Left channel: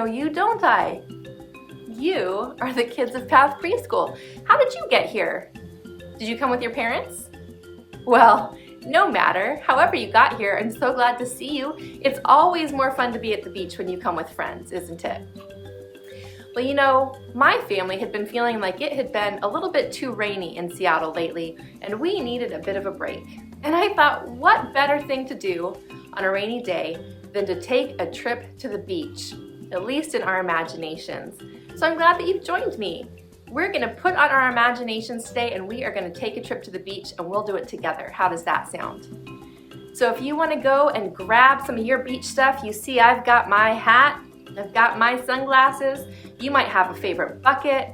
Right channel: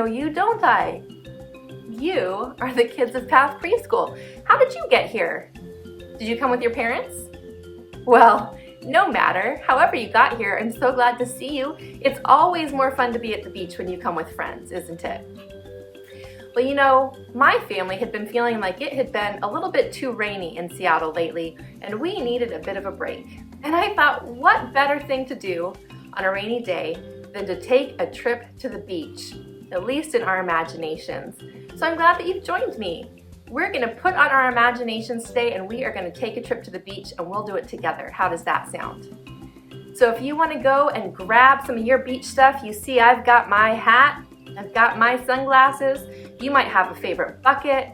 know you, don't I? You are the kids of Path Preschool. How did you get here? Did you come with your parents? Well, no matter. However you got here, I'm so glad to see you. It's always more fun to be at the beach when you come with friends, isn't it? Well, you know, my family had been feeling like it had been a little bit too rainy in Seattle lately, and we needed a bit of a break. And I thought, what better thing to do on a rainy day than to take a trip to the beach, at least in our imaginations. So I'm glad that you've joined me. We're gonna put on our imaginations today and we are gonna take a trip to the beach and we'll do it together. How does that sound? So if you wanna go and grab some of your beach stuff, you see I've got my hat, I've got my sunglasses. You might have a favorite bucket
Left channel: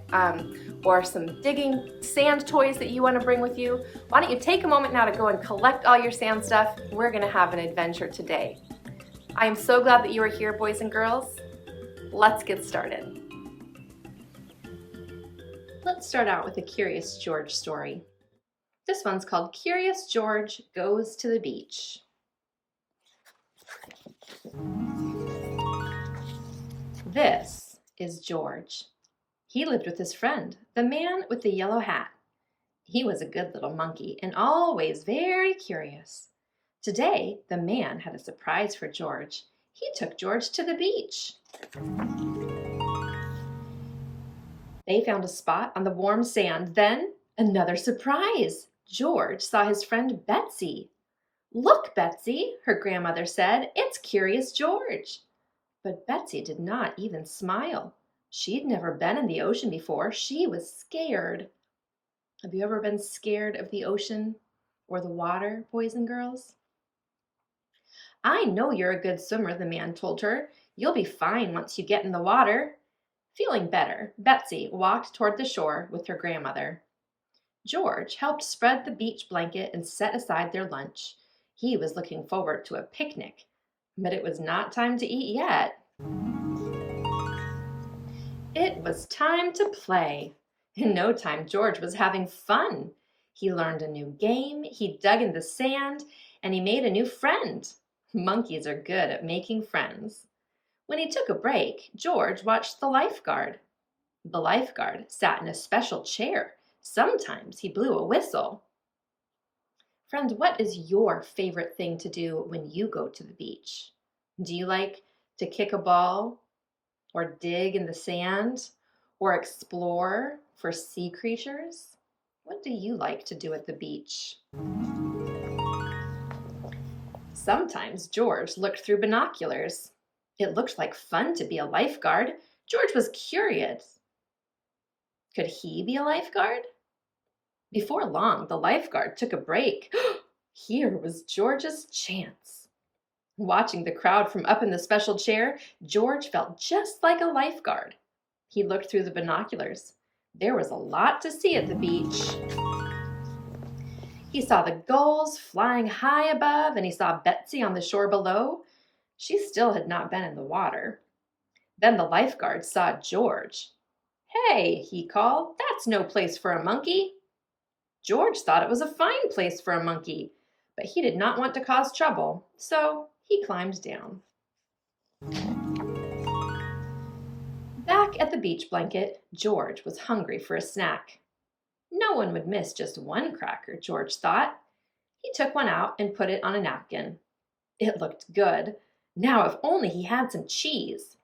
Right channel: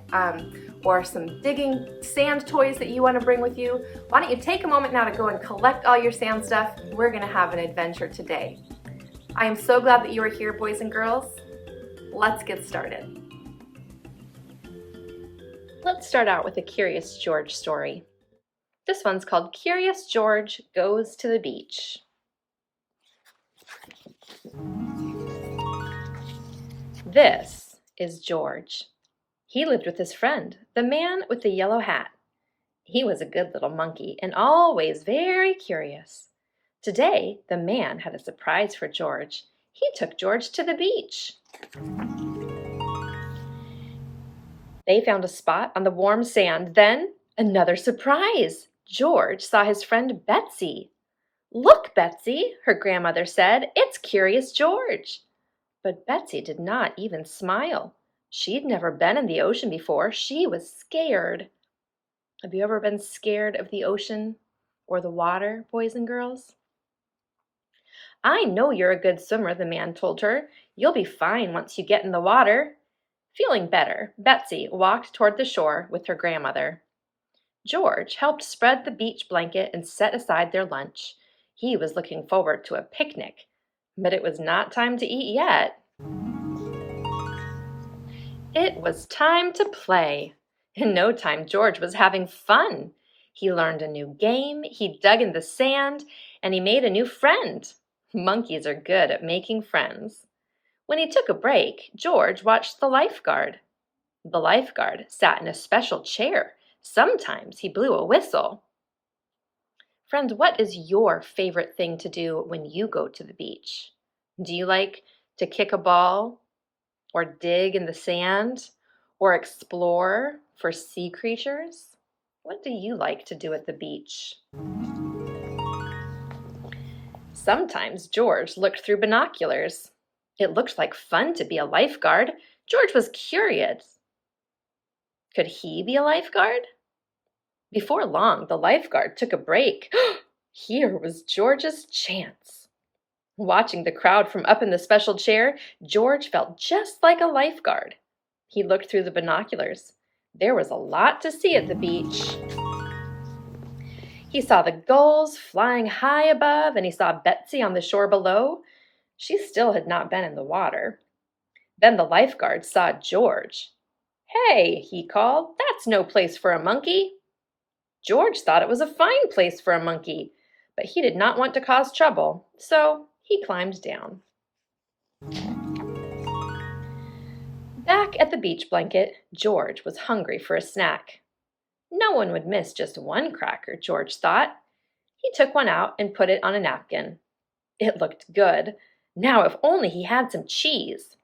or some digging sand toys that you wanna bring with you. Why don't you take a moment now to go and collect all your sand stuff. We're gonna have an adventure today. I am so glad that you are here, boys and girls. Let's get started. Let's start out with a Curious George story. This one's called Curious George Goes to the Beach. This is George. He lived with his friend, the man with the yellow hat. He was a good little monkey and always very curious. Today, the man had a surprise for George. He took George to the beach. They found a spot on the warm sand. Then, another surprise. George saw his friend Betsy. "Look, Betsy," her grandmother said, "it's Curious George." But Betsy did not even smile. She'd never been in the ocean before. She was scared. Have you ever been scared of the ocean or the water, boys and girls? "I know you're a good swimmer," the man told her. "You'll be fine once you get in the water." Feeling better, Betsy walked toward the shore with her grandmother. George helped spread the beach blanket and set aside their lunch. He was looking forward to a picnic, but it was not time to eat yet. It was time to play. In no time, George was having fun. He learned a new game, he dug in the sand, and he made a new friend. Monkeys are good at making friends. When he took a break, George watched the lifeguard. The lifeguard sat in a special chair. Sometimes he blew a whistle. Friends, what is your favorite thing to do when you go to the beach? Do you like to kick a ball, or dig in the sand, or explore for sea creatures? What do you like to do at the beach? Sometimes George looked through binoculars. It looked like fun to be a lifeguard. George was curious. Could he be a lifeguard? Before long, the lifeguard took a break. Here was George's chance. Watching the crowd from up in the special chair, George felt just like a lifeguard. He looked through the binoculars. There was a lot to see at the beach. He saw the gulls flying high above, and he saw Betsy on the shore below. She still had not been in the water. Then the lifeguard saw George. "Hey," he called, "that's no place for a monkey." George thought it was a fine place for a monkey, but he did not want to cause trouble, so he climbed down. Back at the beach blanket, George was hungry for a snack. No one would miss just one cracker, George thought. He took one out and put it on a napkin. It looked good. Now if only he had some cheese.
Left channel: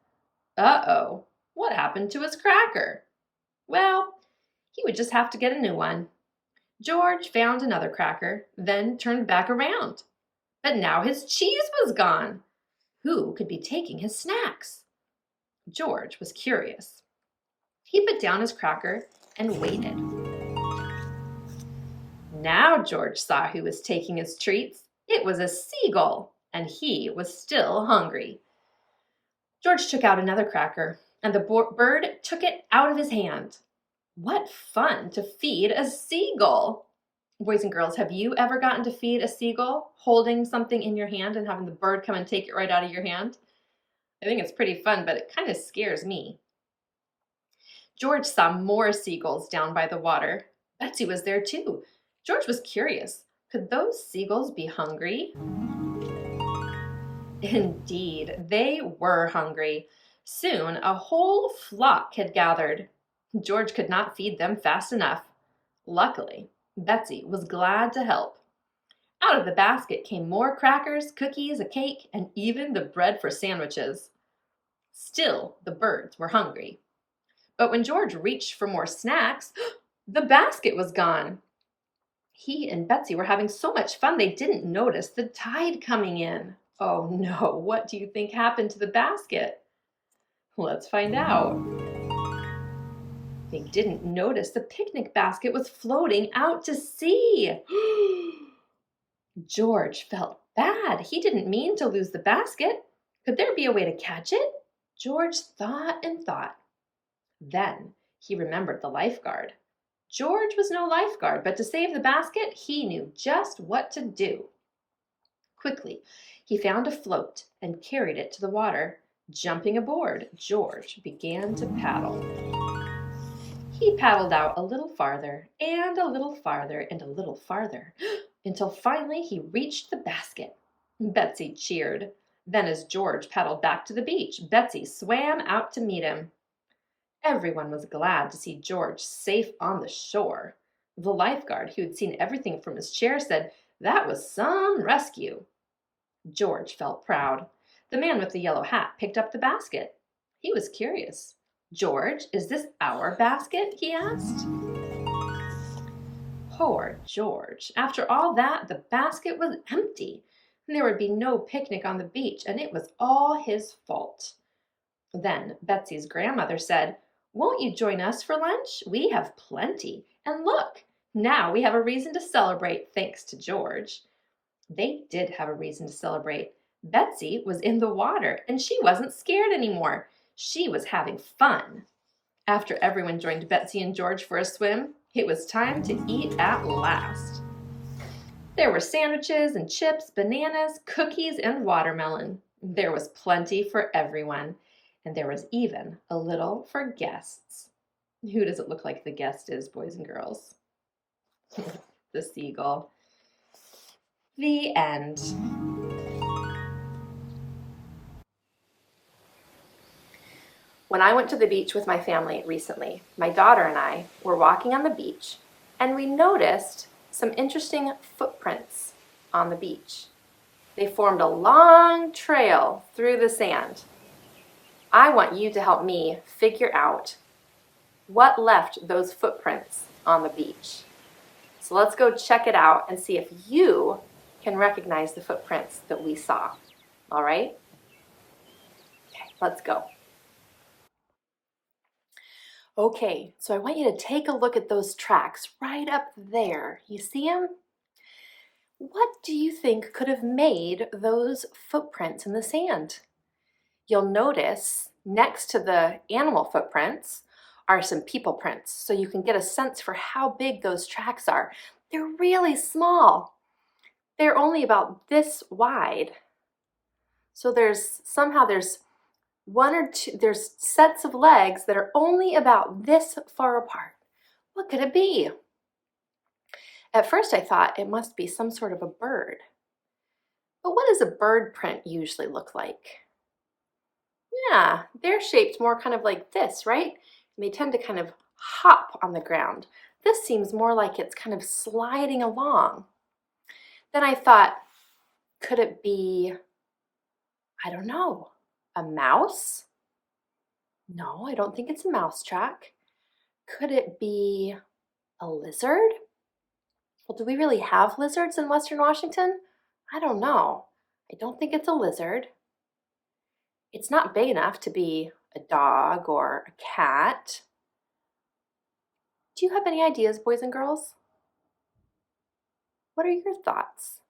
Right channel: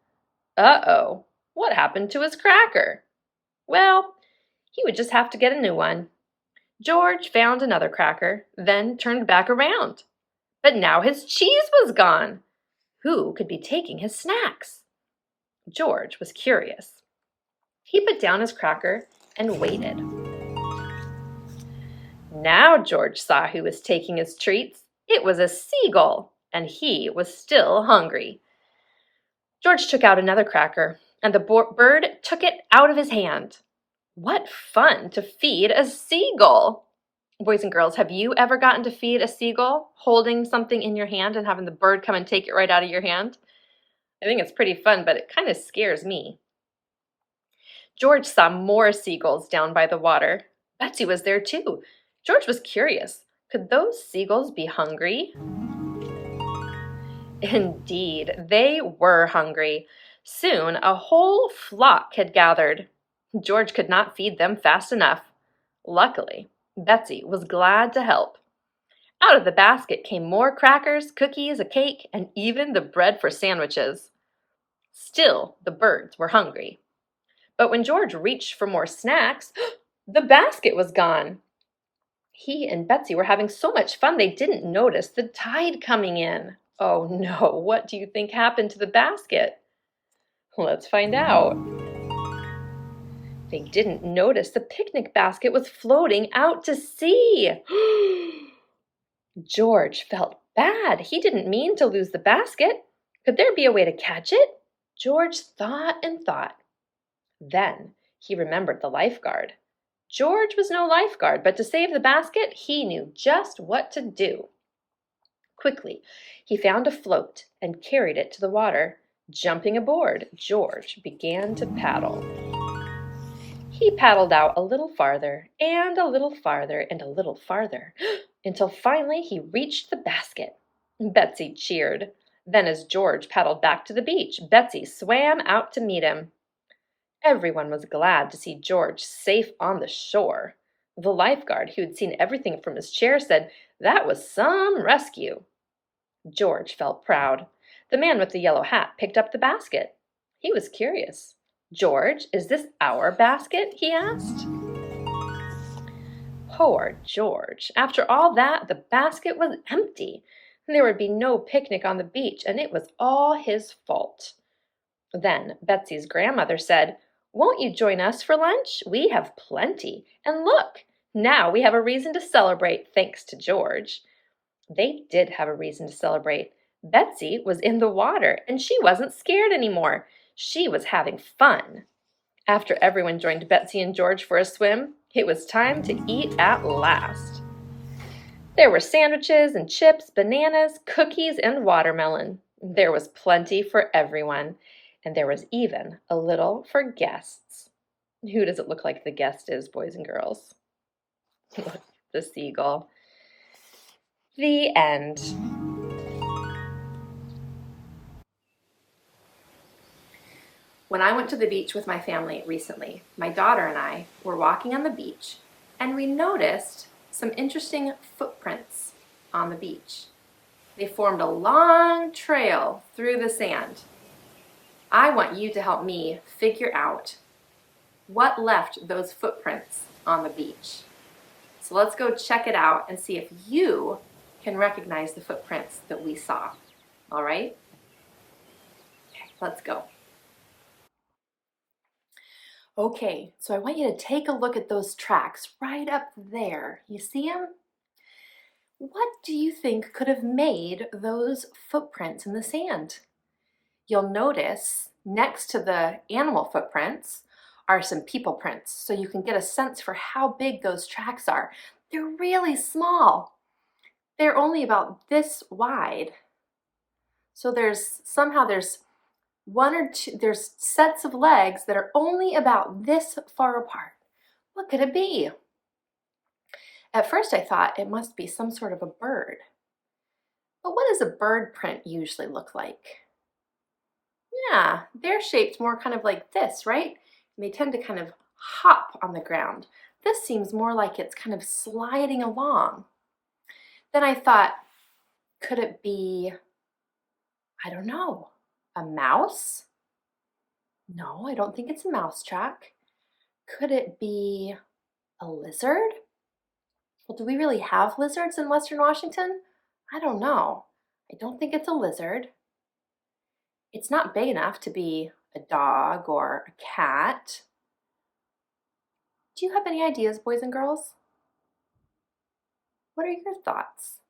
Uh-oh, what happened to his cracker? Well, he would just have to get a new one. George found another cracker, then turned back around. But now his cheese was gone. Who could be taking his snacks? George was curious. He put down his cracker and waited. Now George saw who was taking his treats. It was a seagull, and he was still hungry. George took out another cracker, and the bird took it out of his hand. What fun to feed a seagull! Boys and girls, have you ever gotten to feed a seagull, holding something in your hand and having the bird come and take it right out of your hand? I think it's pretty fun, but it kind of scares me. George saw more seagulls down by the water. Betsy was there too. George was curious. Could those seagulls be hungry? Indeed, they were hungry. Soon a whole flock had gathered. George could not feed them fast enough. Luckily, Betsy was glad to help. Out of the basket came more crackers, cookies, a cake, and even the bread for sandwiches. Still, the birds were hungry. But when George reached for more snacks, the basket was gone. He and Betsy were having so much fun they didn't notice the tide coming in. Oh no, what do you think happened to the basket? Let's find out. They didn't notice the picnic basket was floating out to sea. George felt bad. He didn't mean to lose the basket. Could there be a way to catch it? George thought and thought. Then he remembered the lifeguard. George was no lifeguard, but to save the basket, he knew just what to do. Quickly, he found a float and carried it to the water. Jumping aboard, George began to paddle. He paddled out a little farther and a little farther and a little farther until finally he reached the basket. Betsy cheered. Then as George paddled back to the beach, Betsy swam out to meet him. Everyone was glad to see George safe on the shore. The lifeguard, who had seen everything from his chair, said that was some rescue. George felt proud. The man with the yellow hat picked up the basket. He was curious. George, is this our basket? He asked. Poor George. After all that, the basket was empty. There would be no picnic on the beach, and it was all his fault. Then Betsy's grandmother said, "Won't you join us for lunch? We have plenty. And look, now we have a reason to celebrate thanks to George." They did have a reason to celebrate. Betsy was in the water, and she wasn't scared anymore. She was having fun. After everyone joined Betsy and George for a swim, it was time to eat at last. There were sandwiches and chips, bananas, cookies, and watermelon. There was plenty for everyone, and there was even a little for guests. Who does it look like the guest is, boys and girls? The seagull. The end. When I went to the beach with my family recently, my daughter and I were walking on the beach, and we noticed some interesting footprints on the beach. They formed a long trail through the sand. I want you to help me figure out what left those footprints on the beach. So let's go check it out and see if you can recognize the footprints that we saw. All right? Okay, let's go. Okay, so I want you to take a look at those tracks right up there. You see them? What do you think could have made those footprints in the sand? You'll notice next to the animal footprints are some people prints, so you can get a sense for how big those tracks are. They're really small. They're only about this wide. So there's one or two, there's sets of legs that are only about this far apart. What could it be? At first I thought it must be some sort of a bird. But what does a bird print usually look like? Yeah, they're shaped more kind of like this, right? And they tend to kind of hop on the ground. This seems more like it's kind of sliding along. Then I thought, could it be, I don't know, a mouse? No, I don't think it's a mouse track. Could it be a lizard? Well, do we really have lizards in Western Washington? I don't know. I don't think it's a lizard. It's not big enough to be a dog or a cat. Do you have any ideas, boys and girls? What are your thoughts?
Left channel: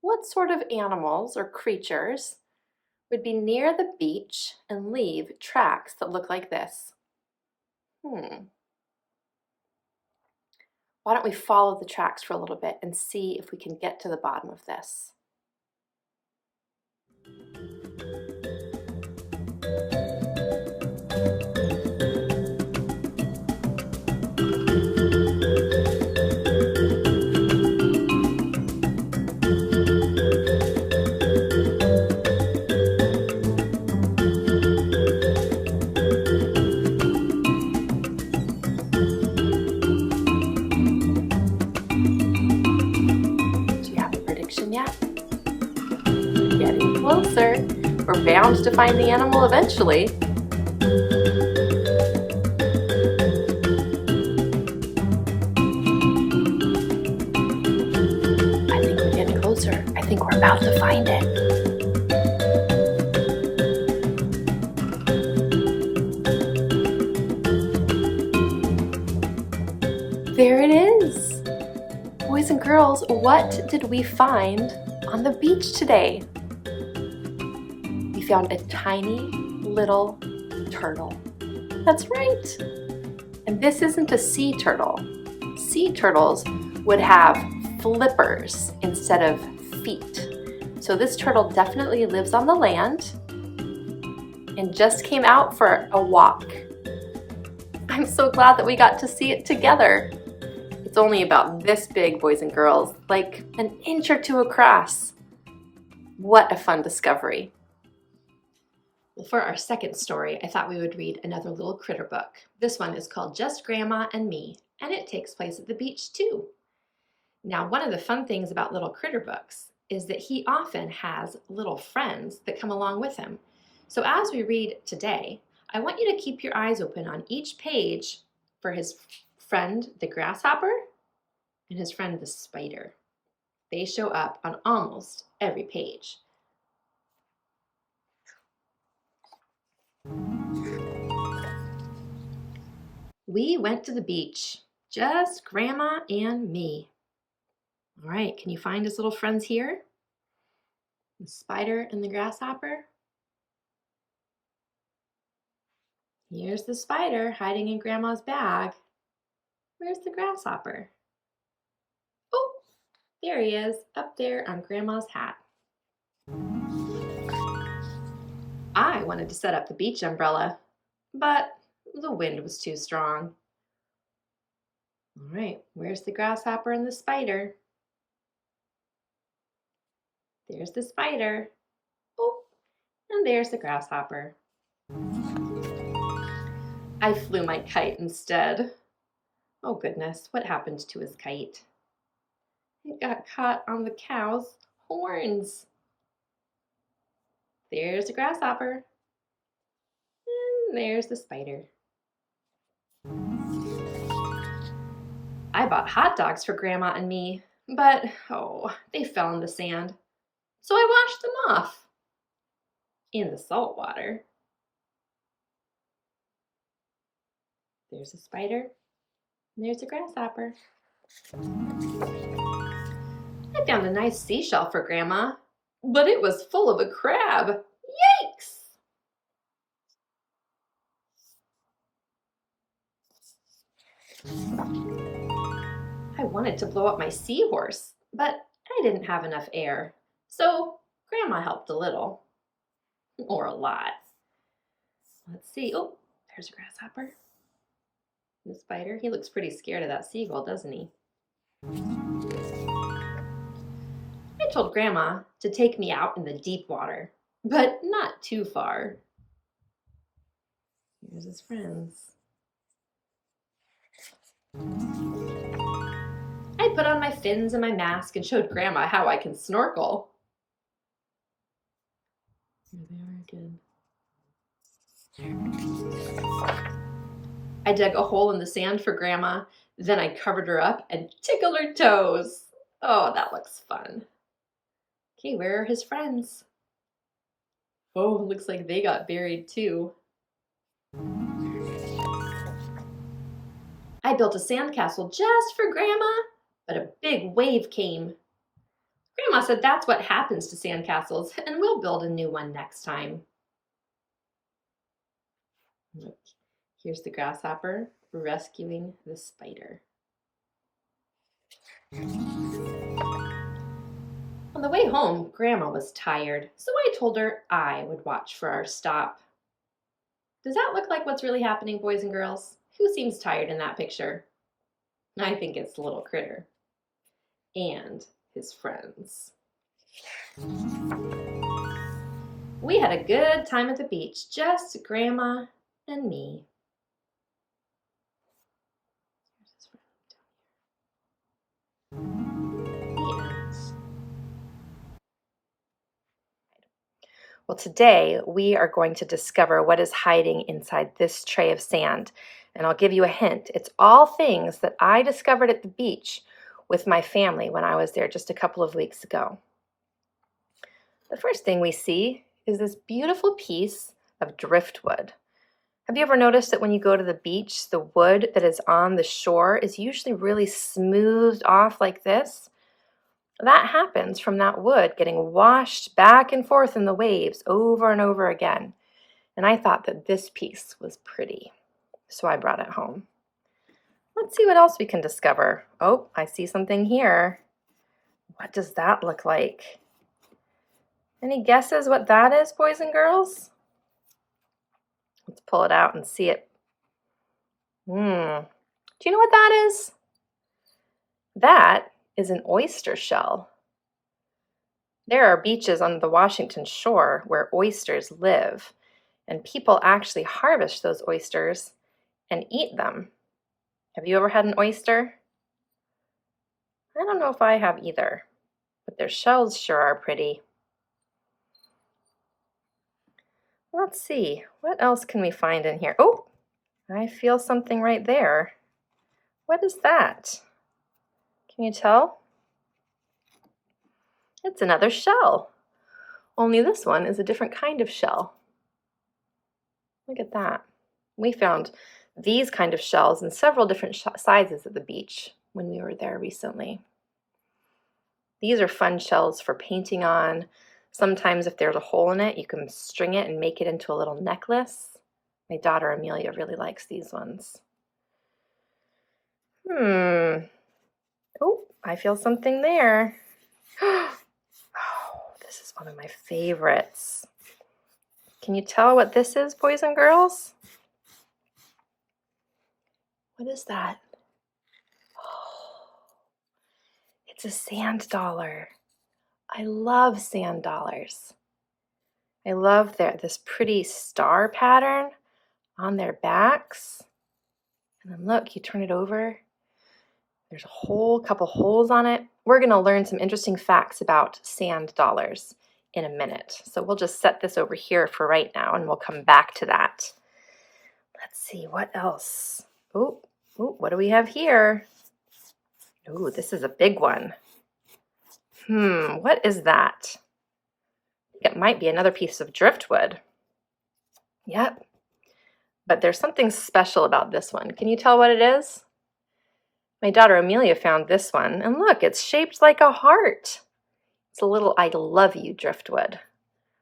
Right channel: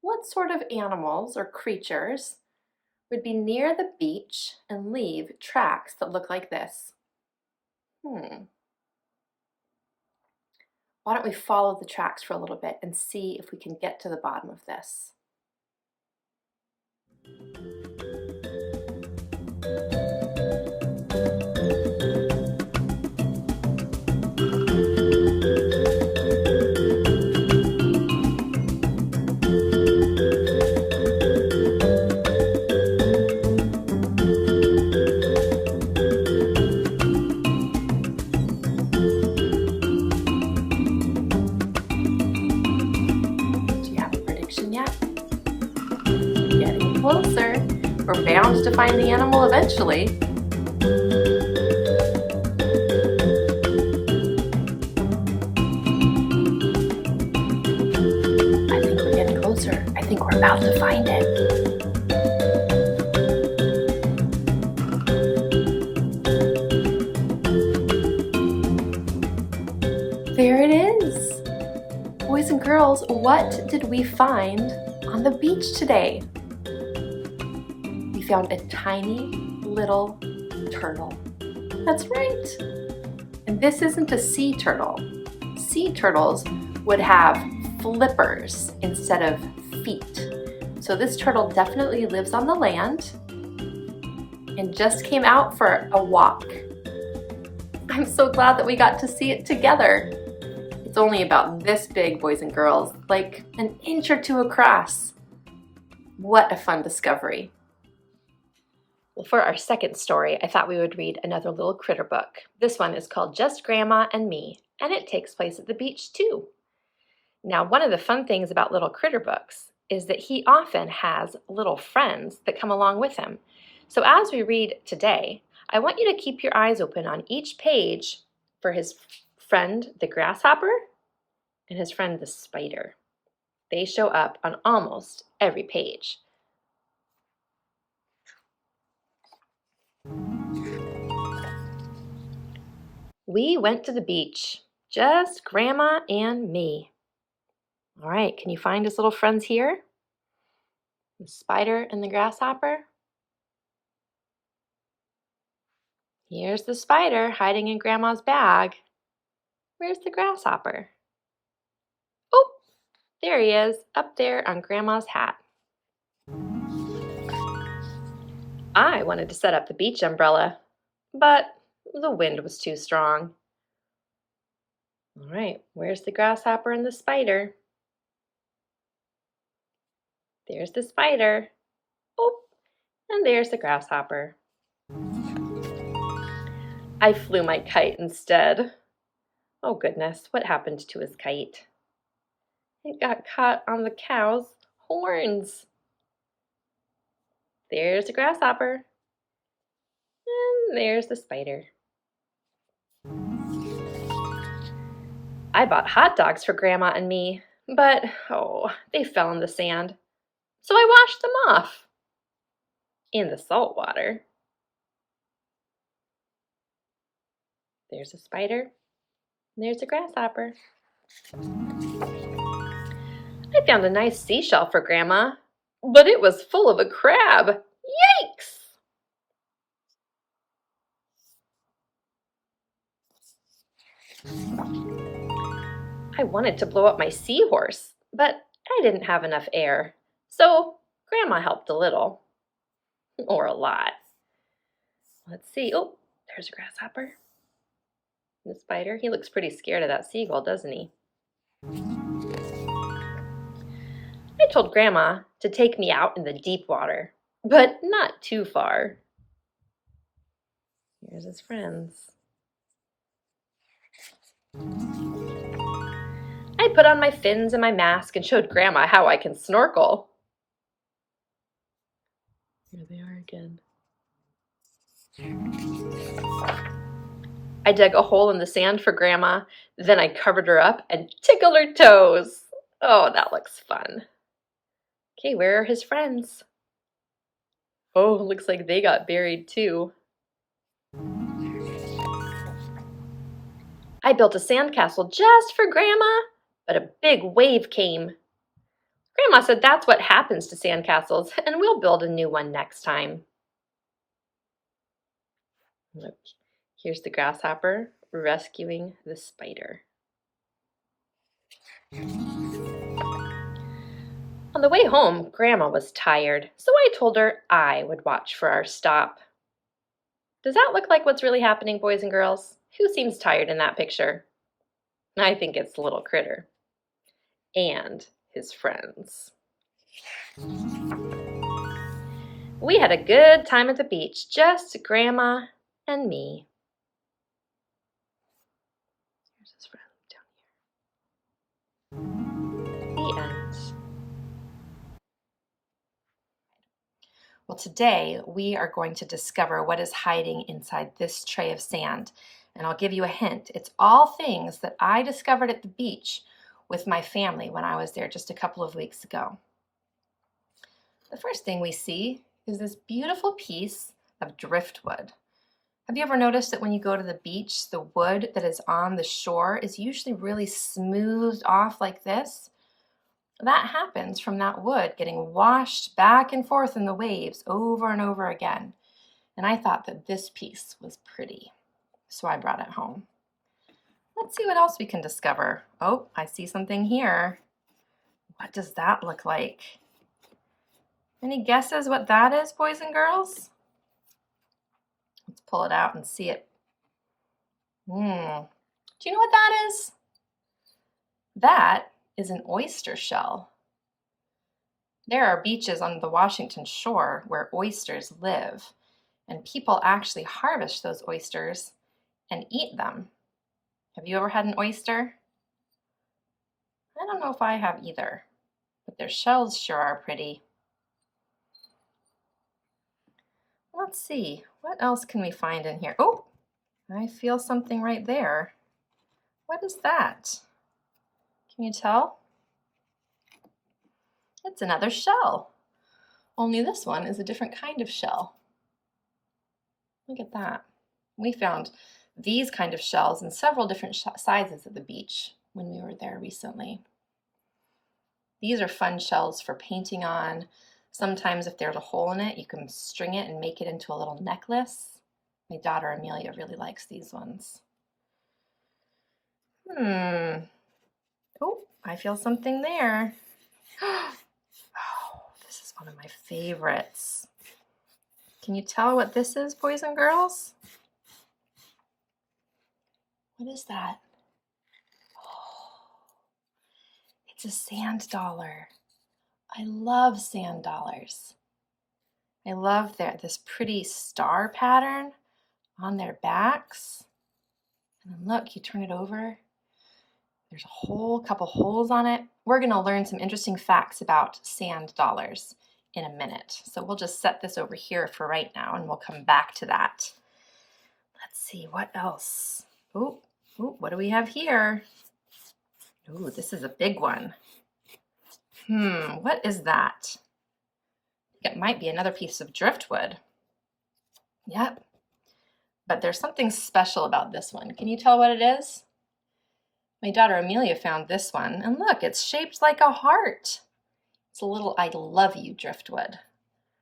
What sort of animals or creatures would be near the beach and leave tracks that look like this? Why don't we follow the tracks for a little bit and see if we can get to the bottom of this? closer. We're bound to find the animal eventually. I think we're getting closer. I think we're about to find it. There it is! Boys and girls, what did we find on the beach today? We found a tiny little turtle. That's right! And this isn't a sea turtle. Sea turtles would have flippers instead of feet. So this turtle definitely lives on the land and just came out for a walk. I'm so glad that we got to see it together. It's only about this big, boys and girls, like an inch or two across. What a fun discovery. Well, for our second story, I thought we would read another little critter book. This one is called Just Grandma and Me, and it takes place at the beach too. Now, one of the fun things about little critter books is that he often has little friends that come along with him. So as we read today, I want you to keep your eyes open on each page for his friend, the grasshopper, and his friend, the spider. They show up on almost every page. We went to the beach, just Grandma and me. All right, can you find his little friends here? The spider and the grasshopper. Here's the spider hiding in Grandma's bag. Where's the grasshopper? Oh, there he is, up there on Grandma's hat. I wanted to set up the beach umbrella, but the wind was too strong. All right, where's the grasshopper and the spider? There's the spider. Oh, and there's the grasshopper. I flew my kite instead. Oh goodness, what happened to his kite? It got caught on the cow's horns. There's the grasshopper. And there's the spider. I bought hot dogs for Grandma and me, but they fell in the sand. So I washed them off in the salt water. There's a spider, and there's a grasshopper. I found a nice seashell for Grandma, but it was full of a crab. Yikes! I wanted to blow up my seahorse, but I didn't have enough air, so Grandma helped a little, or a lot. Let's see. Oh, there's a grasshopper. The spider. He looks pretty scared of that seagull, doesn't he? I told Grandma to take me out in the deep water, but not too far. Here's his friends. I put on my fins and my mask and showed Grandma how I can snorkel. Here they are again. I dug a hole in the sand for Grandma, then I covered her up and tickled her toes. Oh, that looks fun. Okay, where are his friends? Oh, looks like they got buried too. I built a sandcastle just for Grandma, but a big wave came. Grandma said that's what happens to sandcastles, and we'll build a new one next time. Look, here's the grasshopper rescuing the spider. On the way home, Grandma was tired, so I told her I would watch for our stop. Does that look like what's really happening, boys and girls? Who seems tired in that picture? I think it's the little critter and his friends. We had a good time at the beach, just Grandma and me. Here's his friend down here. The end. today we are going to discover what is hiding inside this tray of sand. And I'll give you a hint. It's all things that I discovered at the beach with my family when I was there just a couple of weeks ago. The first thing we see is this beautiful piece of driftwood. Have you ever noticed that when you go to the beach, the wood that is on the shore is usually really smoothed off like this? That happens from that wood getting washed back and forth in the waves over and over again. And I thought that this piece was pretty, so I brought it home. Let's see what else we can discover. Oh, I see something here. What does that look like? Any guesses what that is, boys and girls? Let's pull it out and see it. Do you know what that is? That is an oyster shell. There are beaches on the Washington shore where oysters live, and people actually harvest those oysters and eat them. Have you ever had an oyster? I don't know if I have either, but their shells sure are pretty. Let's see, what else can we find in here? Oh, I feel something right there. What is that? Can you tell? It's another shell, only this one is a different kind of shell. Look at that. We found these kind of shells in several different sizes at the beach when we were there recently. These are fun shells for painting on. Sometimes if there's a hole in it, you can string it and make it into a little necklace. My daughter Amelia really likes these ones. Oh, I feel something there. Oh, this is one of my favorites. Can you tell what this is, boys and girls? What is that? Oh, it's a sand dollar. I love sand dollars. I love this pretty star pattern on their backs. And then look, you turn it over. There's a whole couple holes on it. We're going to learn some interesting facts about sand dollars in a minute. So we'll just set this over here for right now and we'll come back to that. Let's see, what else? Oh, what do we have here? Oh, this is a big one. What is that? It might be another piece of driftwood. Yep. But there's something special about this one. Can you tell what it is? My daughter Amelia found this one, and look, it's shaped like a heart. It's a little I love you driftwood.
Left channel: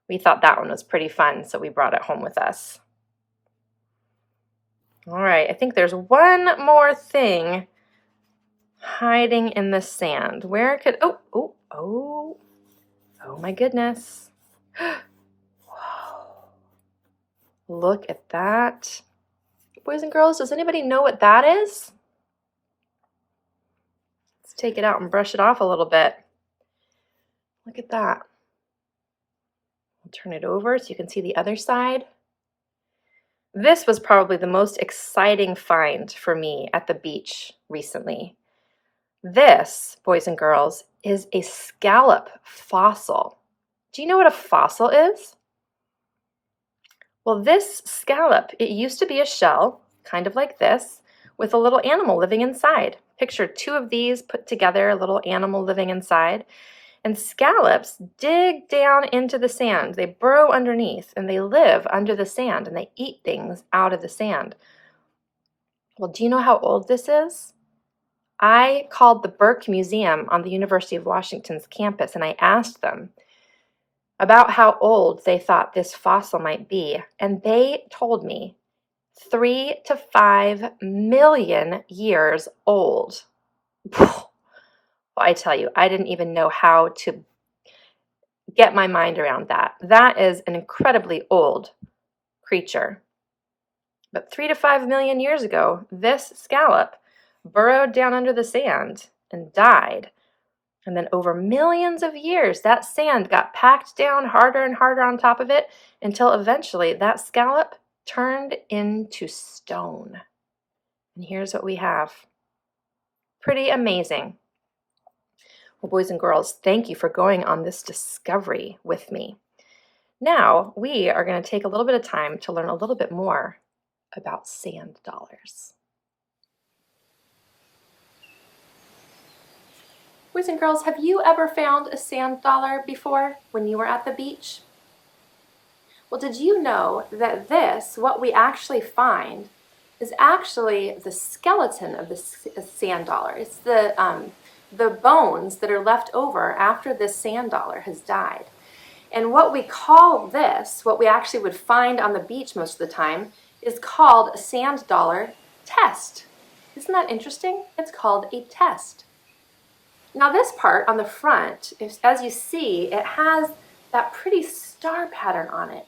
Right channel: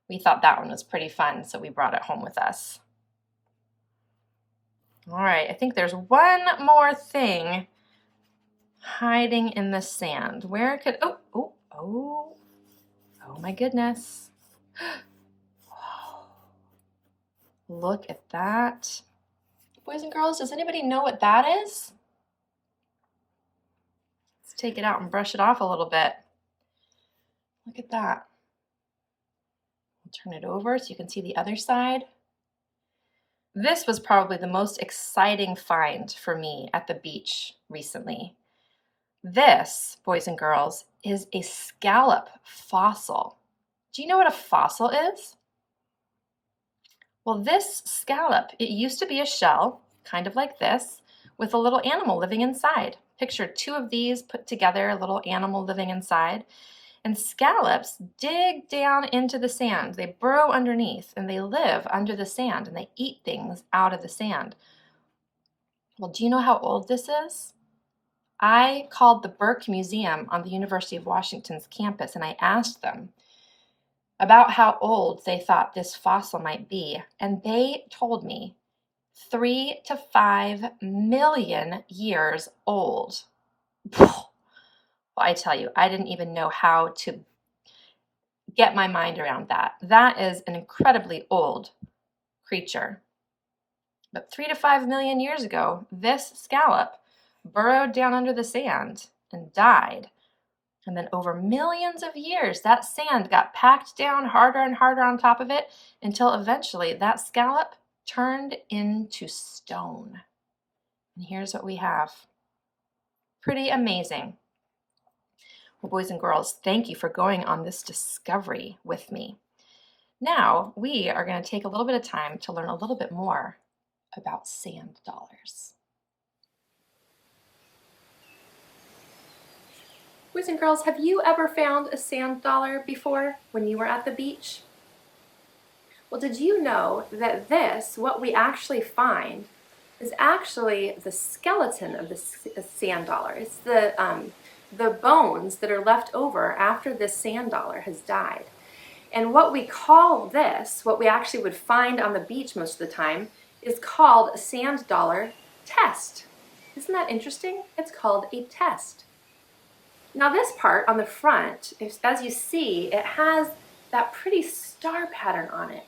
We thought that one was pretty fun, so we brought it home with us. All right, I think there's one more thing hiding in the sand. Where could, oh my goodness. Whoa. Look at that. Boys and girls, does anybody know what that is? Let's take it out and brush it off a little bit. Look at that. I'll turn it over so you can see the other side. This was probably the most exciting find for me at the beach recently. This, boys and girls, is a scallop fossil. Do you know what a fossil is? Well, this scallop, it used to be a shell, kind of like this, with a little animal living inside. Picture two of these put together, a little animal living inside. And scallops dig down into the sand. They burrow underneath and they live under the sand and they eat things out of the sand. Well, do you know how old this is? I called the Burke Museum on the University of Washington's campus and I asked them about how old they thought this fossil might be. And they told me 3 to 5 million years old. I tell you, I didn't even know how to get my mind around that. That is an incredibly old creature. But 3 to 5 million years ago, this scallop burrowed down under the sand and died. And then over millions of years, that sand got packed down harder and harder on top of it until eventually that scallop turned into stone. And here's what we have. Pretty amazing. Well, boys and girls, thank you for going on this discovery with me. Now we are going to take a little bit of time to learn a little bit more about sand dollars. Boys and girls, have you ever found a sand dollar before when you were at the beach? Well, did you know that this, what we actually find, is actually the skeleton of the sand dollar? It's the bones that are left over after this sand dollar has died. And what we call this, what we actually would find on the beach most of the time, is called a sand dollar test. Isn't that interesting? It's called a test. Now this part on the front, as you see, it has that pretty star pattern on it.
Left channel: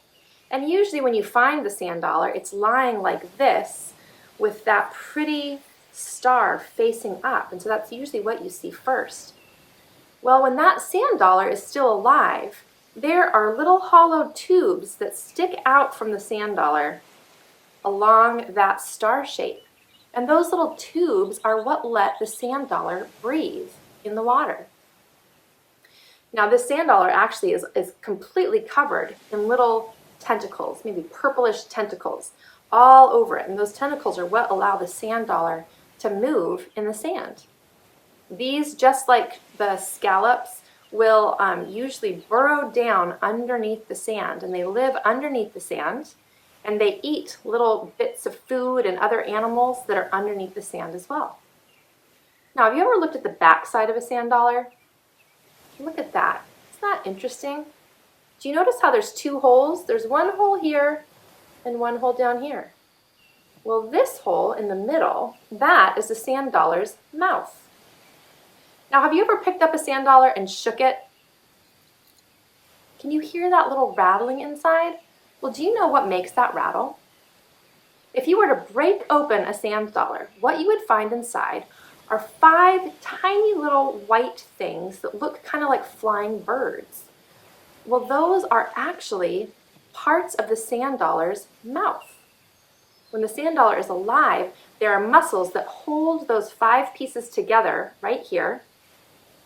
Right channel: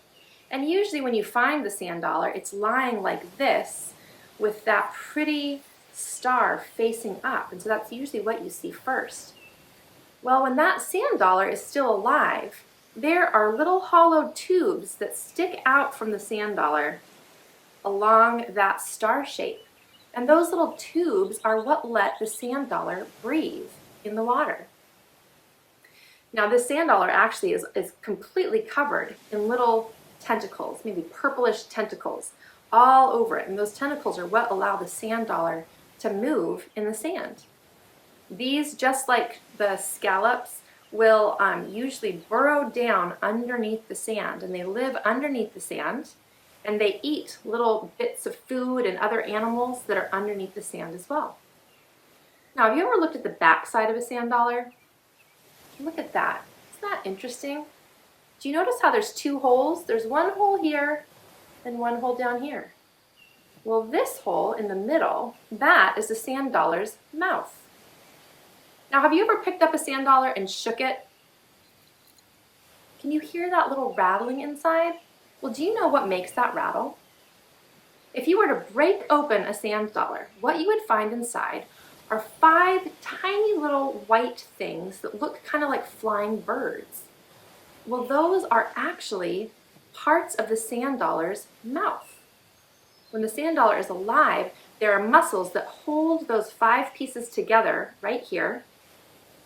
And usually when you find the sand dollar, it's lying like this with that pretty star facing up. And so that's usually what you see first. Well, when that sand dollar is still alive, there are little hollow tubes that stick out from the sand dollar along that star shape. And those little tubes are what let the sand dollar breathe in the water. Now this sand dollar actually is completely covered in little tentacles, maybe purplish tentacles, all over it. And those tentacles are what allow the sand dollar to move in the sand. These, just like the scallops, will usually burrow down underneath the sand, and they live underneath the sand, and they eat little bits of food and other animals that are underneath the sand as well. Now, have you ever looked at the back side of a sand dollar? Look at that. Isn't that interesting? Do you notice how there's two holes? There's one hole here and one hole down here. Well, this hole in the middle, that is the sand dollar's mouth. Now, have you ever picked up a sand dollar and shook it? Can you hear that little rattling inside? Well, do you know what makes that rattle? If you were to break open a sand dollar, what you would find inside are 5 tiny little white things that look kind of like flying birds. Well, those are actually parts of the sand dollar's mouth. When the sand dollar is alive, there are muscles that hold those 5 pieces together right here,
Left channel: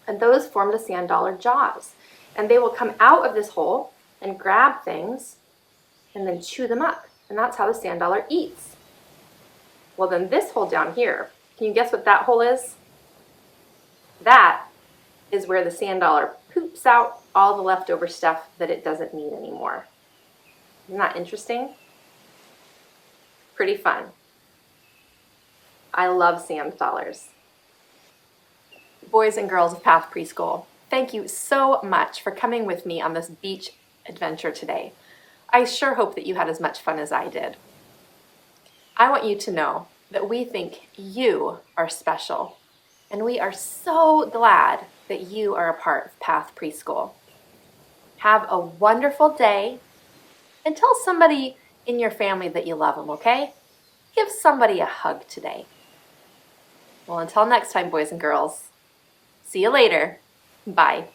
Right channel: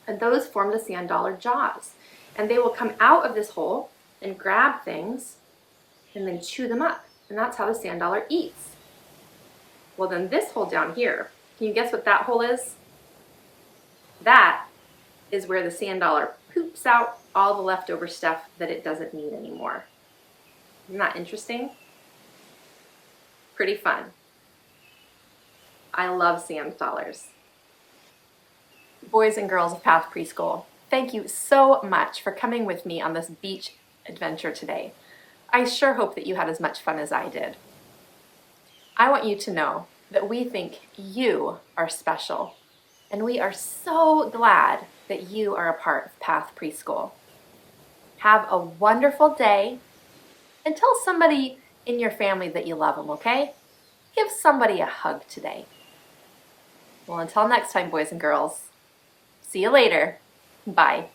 and those form the sand dollar jaws. And they will come out of this hole and grab things and then chew them up. And that's how the sand dollar eats. Well, then this hole down here, can you guess what that hole is? That is where the sand dollar poops out all the leftover stuff that it doesn't need anymore. Isn't that interesting? Pretty fun. I love sand dollars. Boys and girls of Path Preschool, thank you so much for coming with me on this beach adventure today. I sure hope that you had as much fun as I did. I want you to know that we think you are special, and we are so glad that you are a part of Path Preschool. Have a wonderful day, and tell somebody in your family that you love them, okay? Give somebody a hug today. Well, until next time, boys and girls, see you later. Bye.